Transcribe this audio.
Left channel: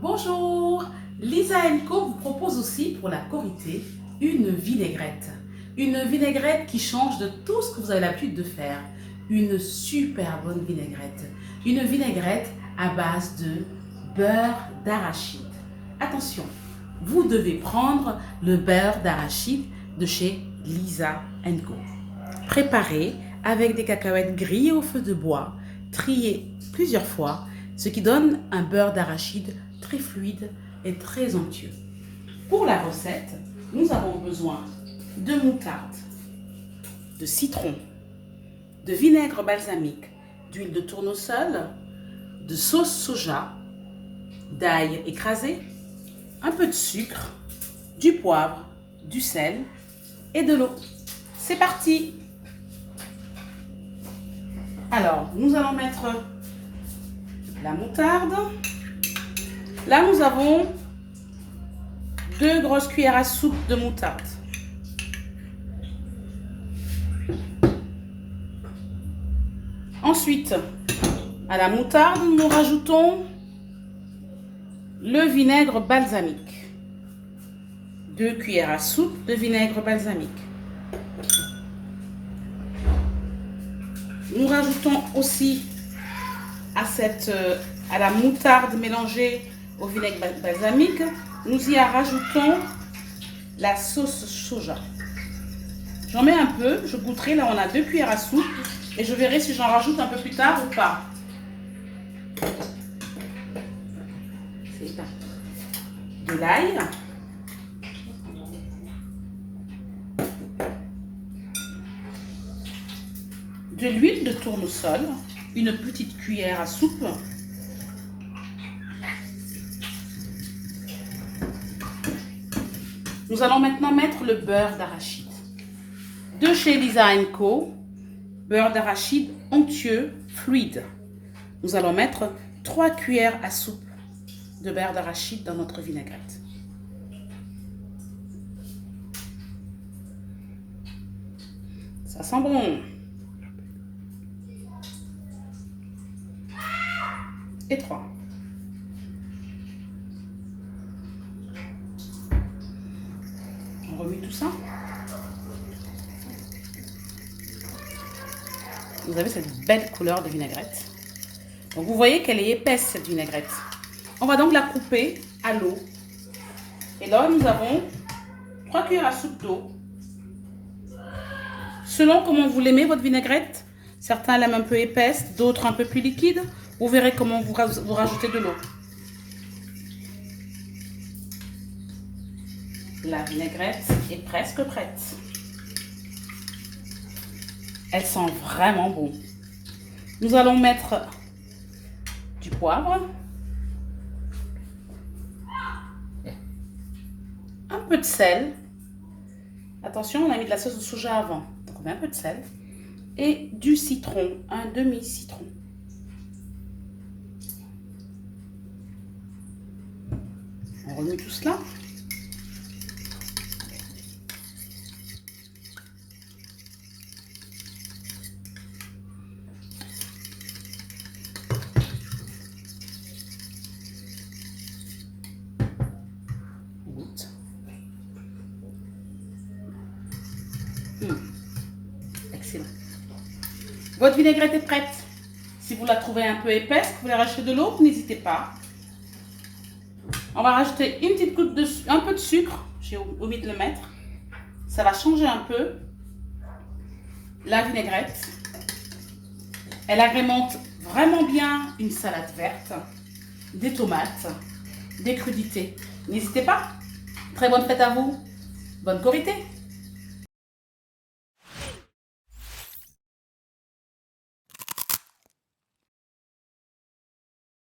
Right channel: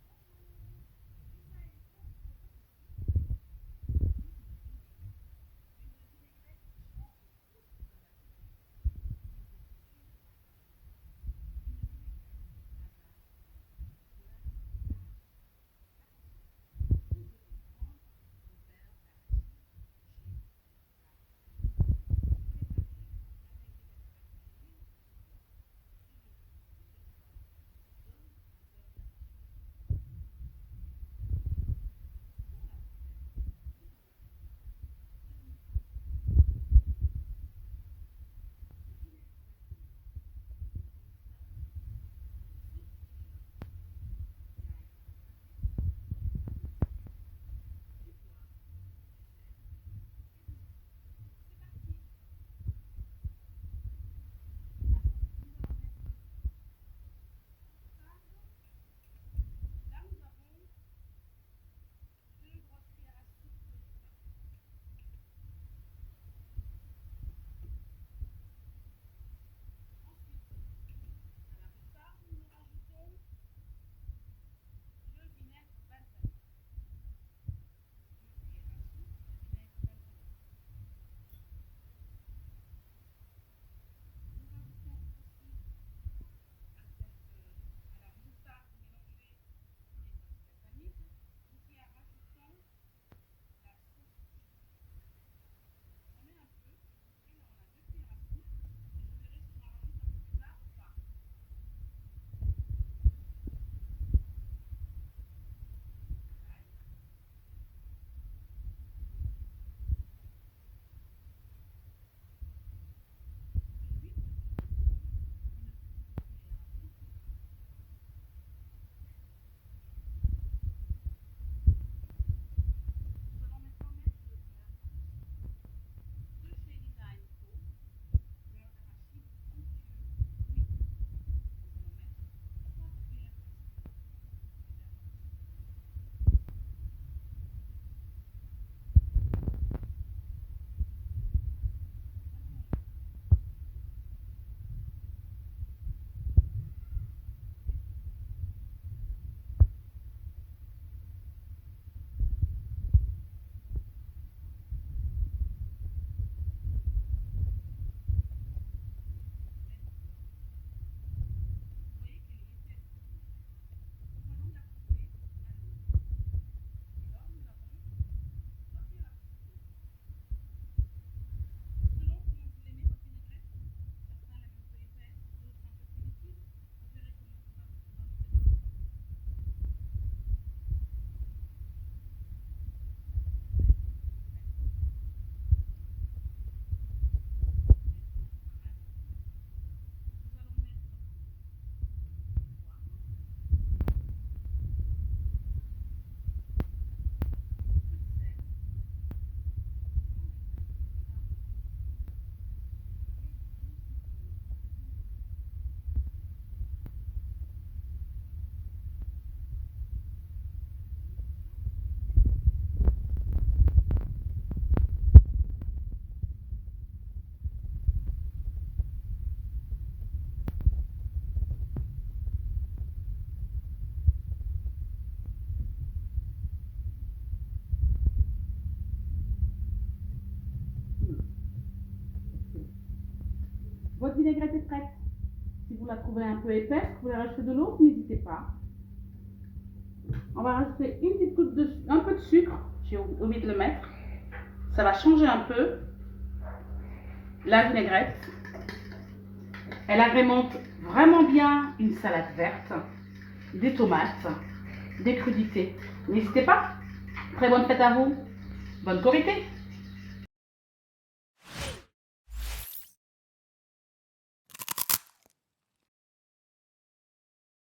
Bonjour, Lisa Co vous propose aussi pour la Korité une vinaigrette. Une vinaigrette qui change de tout ce que vous avez l'habitude de faire. Une super bonne vinaigrette. Une vinaigrette à base de beurre d'arachide. Attention, vous devez prendre le beurre d'arachide de chez Lisa Co. Préparé avec des cacahuètes grillées au feu de bois, triées plusieurs fois, ce qui donne un beurre d'arachide très fluide et très onctueux. Pour la recette, nous avons besoin de moutarde, de citron, de vinaigre balsamique, d'huile de tournesol, de sauce soja, d'ail écrasé, un peu de sucre, du poivre, du sel et de l'eau. C'est parti! Alors, nous allons mettre la moutarde. Là, nous avons 2 grosses cuillères à soupe de moutarde. Ensuite, à la moutarde, nous rajoutons le vinaigre balsamique. 2 cuillères à soupe de vinaigre balsamique. Nous rajoutons aussi à la moutarde mélangée au vinaigre balsamique, nous y rajoutons la sauce soja. J'en mets un peu, je goûterai. Là, on a 2 cuillères à soupe et je verrai si j'en rajoute un peu plus tard ou pas. C'est ça. De l'ail. De l'huile de tournesol, une petite cuillère à soupe. Nous allons maintenant mettre le beurre d'arachide. De chez Lisa Co, beurre d'arachide onctueux, fluide. Nous allons mettre 3 cuillères à soupe de beurre d'arachide dans notre vinaigrette. Ça sent bon. Et 3. On remue tout ça. Vous avez cette belle couleur de vinaigrette. Donc vous voyez qu'elle est épaisse, cette vinaigrette. On va donc la couper à l'eau. Et là, nous avons 3 cuillères à soupe d'eau. Selon comment vous l'aimez, votre vinaigrette, certains l'aiment un peu épaisse, d'autres un peu plus liquide. Vous verrez comment vous rajoutez de l'eau. La vinaigrette est presque prête. Elle sent vraiment bon. Nous allons mettre du poivre, un peu de sel. Attention, on a mis de la sauce de soja avant, donc on met un peu de sel. Et du citron, un demi-citron. On remue tout cela. Excellent. Votre vinaigrette est prête. Si vous la trouvez un peu épaisse, vous voulez rajouter de l'eau, n'hésitez pas. On va rajouter une petite goutte un peu de sucre. J'ai oublié de le mettre. Ça va changer un peu la vinaigrette. Elle agrémente vraiment bien une salade verte, des tomates, des crudités. N'hésitez pas. Très bonne fête à vous. Bonne Korité.